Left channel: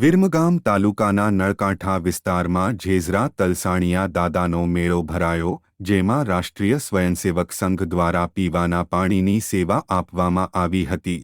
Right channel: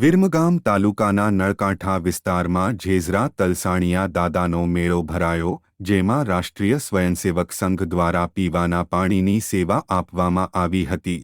વિરમગામ તાલુકાના નળકાંઠા વિસ્તારમાં ઝેઝરા તલસાણિયા દાદાનો મેળો ભરાયો, જેમાં રાષ્ટ્રીય સ્વયંસેવક સંઘ દ્વારા પીવાના પાણીની સેવા આપવામાં આવી હતી.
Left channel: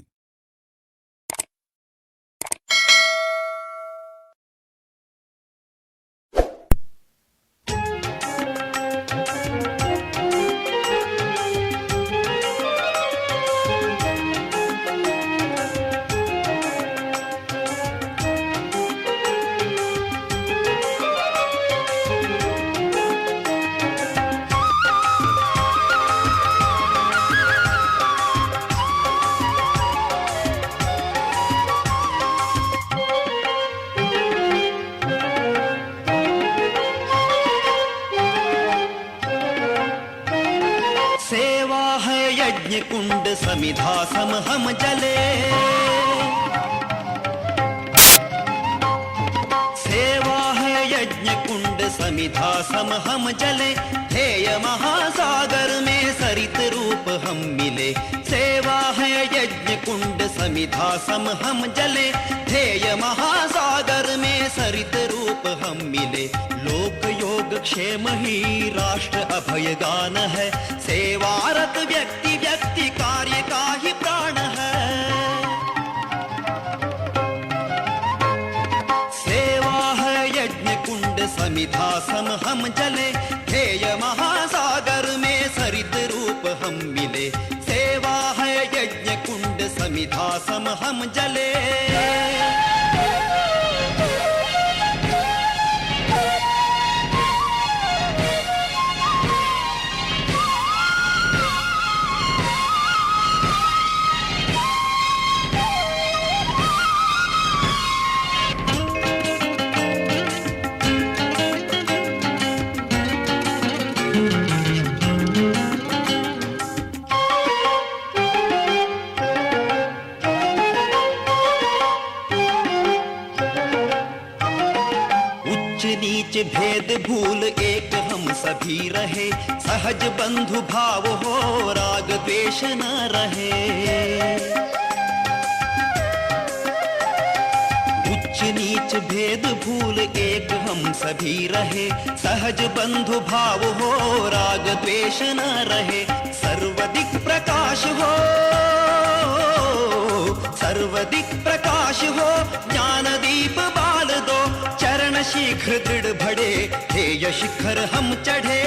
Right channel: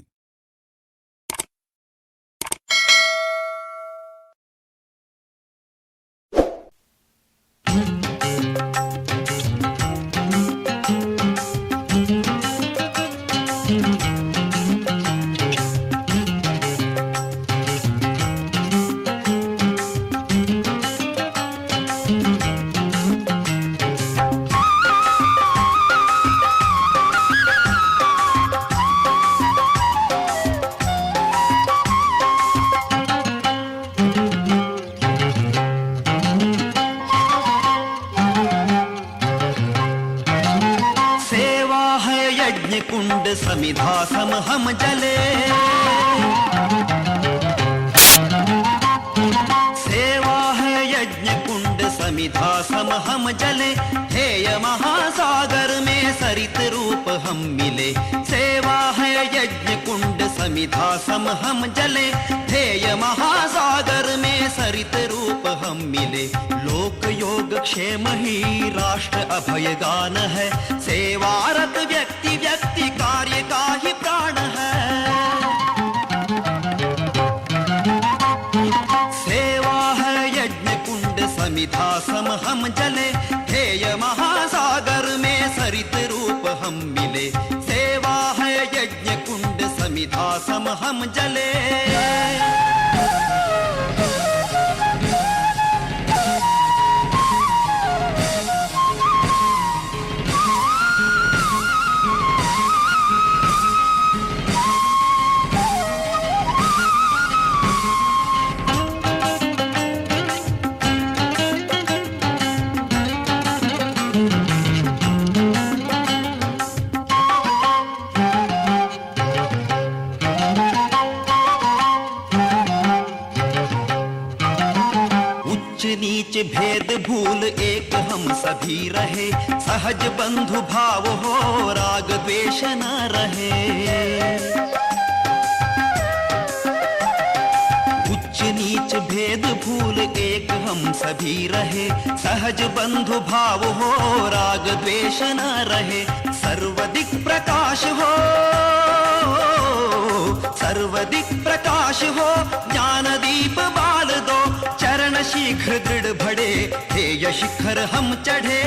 यज्ञ कुंड समिधा सम हम जले, सेवा है यज्ञ कुंड समिधा सम हम जले, हेय महासागर में सरित रूप हम मिले. सेवा है यज्ञ कुंड समिधा सम हम जले, हेय महासागर में सरित रूप हम मिले. लोक योग क्षेम ही राष्ट्र अभय गान है, सेवारत व्यक्ति व्यक्ति कार्य का ही प्राण है. सेवा है यज्ञ कुंड समिधा सम हम जले, हेय महासागर में सरित रूप हम मिले. सेवा है यज्ञ कुंड समिधा सम हम जले. नीच भेद भूल एक हम सभी रहे, सहज बंधु भाव हो राग द्वेष न रहे. उच्च नीच भेद भूल एक हम सभी रहे, सहज बंधु भाव हो राग द्वेष न रहे. सर्वदिक प्रकाश हो, सर्वदिक प्रकाश हो, ज्ञान दीप बाल दो, चरण शीघ्र दृढ़ बढ़े, हेय शिखर हम चढ़े.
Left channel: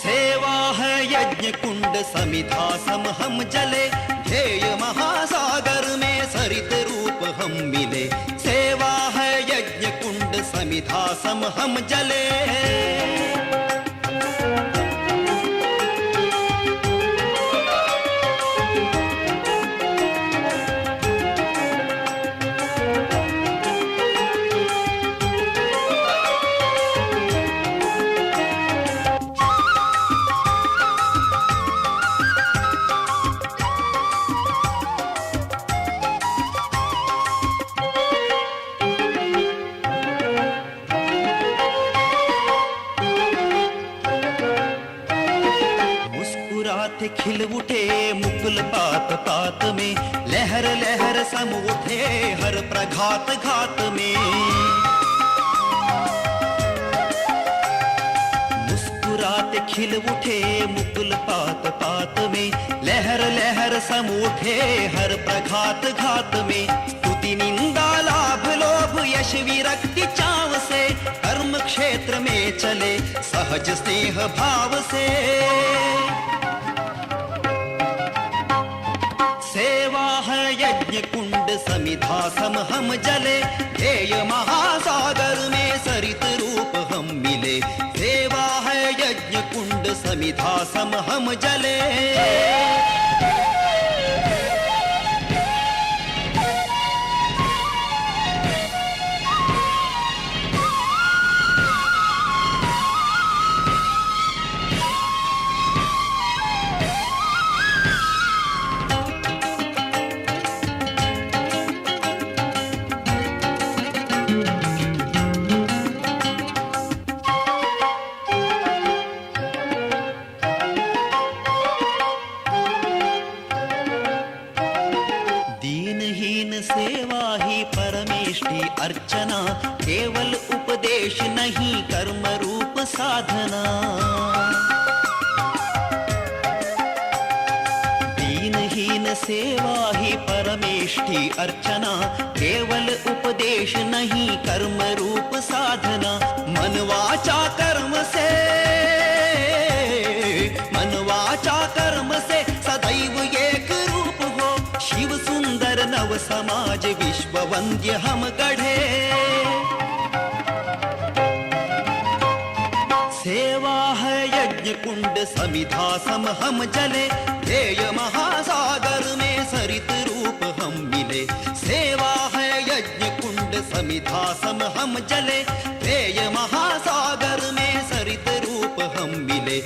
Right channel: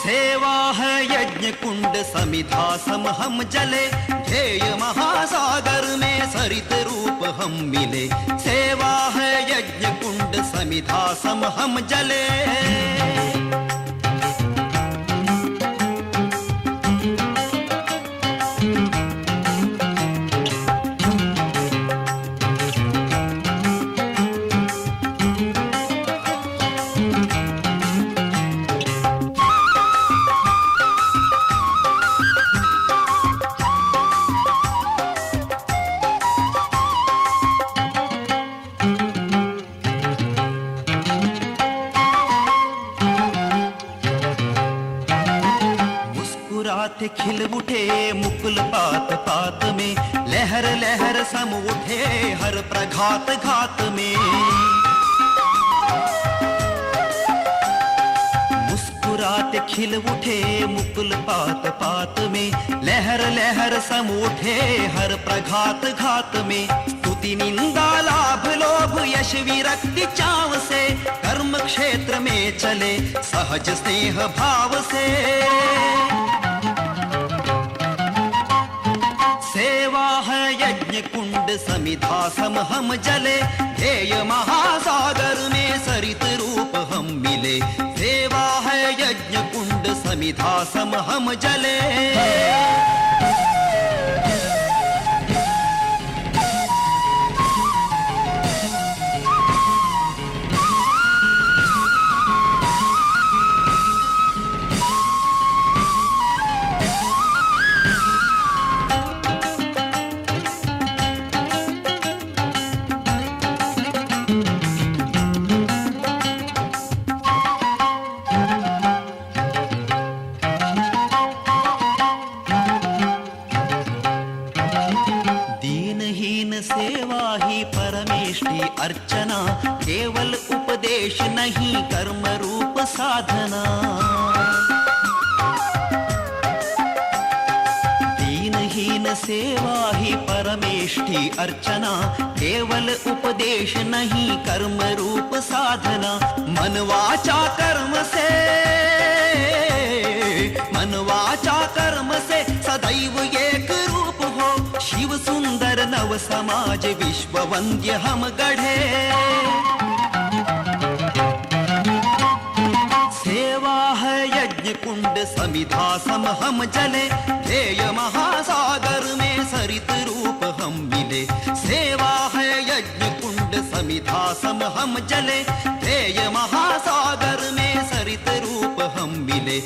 सेवा है यज्ञ कुंड समिधा सम हम जले, ध्येय महासागर में सरित रूप हम मिले. सेवा है यज्ञ कुंड समिधा सम हम जले. खिल उठे मुकुल पात पात में, लहर लहर सम उठे हर प्रघात घात में. मुस्कुराते खिल उठे मुकुल पात पात में, लहर लहर सम उठे हर प्रघात घात में. स्तुति निंदा लाभ लोभ यश विरक्ति चाव से, कर्म क्षेत्र में चले सहज स्नेह भाव से. सेवा है यज्ञ कुंड समिधा सम हम जले, ध्येय महासागर में सरित रूप हम मिले. सेवा है यज्ञ कुंड समिधा सम हम जले. अर्चना केवल उपदेश नहीं कर्म रूप साधना दीनहीन सेवा ही परमेष्ठी अर्चना केवल उपदेश नहीं कर्म रूप साधना मन वाचा कर्म से सदैव एक रूप हो शिव सुंदर नव समाज विश्व वंद्य हम गढ़े सेवा है यज्ञ कुंड समिधा सम हम जले ध्येय महासागर में सरित रूप हम मिले सेवा है यज्ञ कुंड समिधा सम हम जले ध्येय महासागर में सरित रूप हम मिले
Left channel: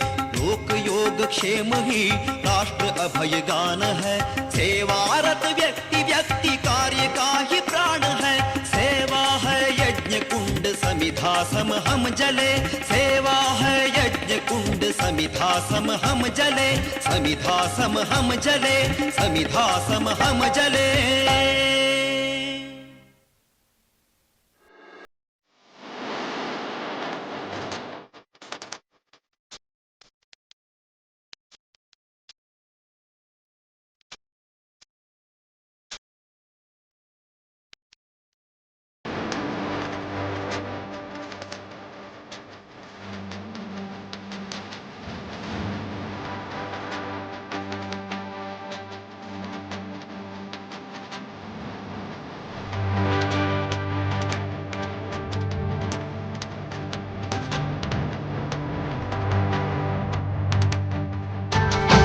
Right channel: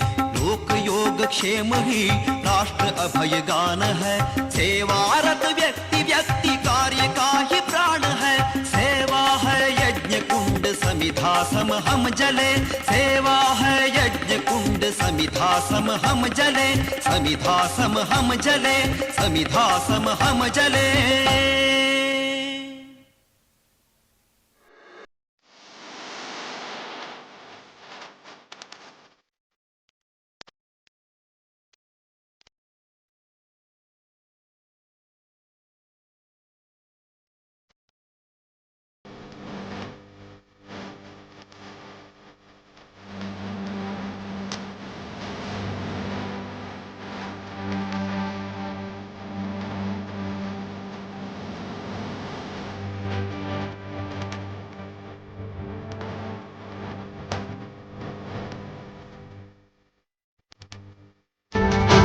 लोक योग क्षेम ही राष्ट्र अभय गान है सेवारत व्यक्ति व्यक्ति कार्य का ही प्राण है सेवा है यज्ञ कुंड समिधा सम हम जले सेवा है यज्ञ कुंड समिधा सम हम जले समिधा सम हम जले समिधा सम हम जले